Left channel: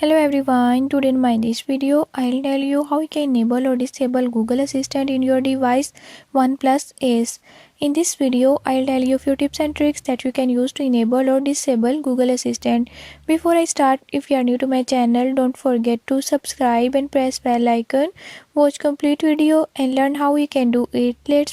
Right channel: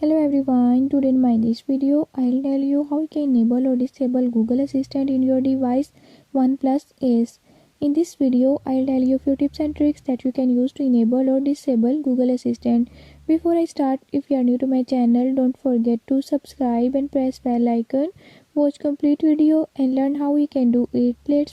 Hello everyone, today in this video I'll tell you how you can enable or disable Google Assistant in your device OnePlus Ace. In this video I'll tell you a few tips and tricks that you can use to enable or disable Google Assistant. Before I start, if you are new to my channel, don't forget to subscribe and press bell icon. Watch complete video and learn how you can do it. Let's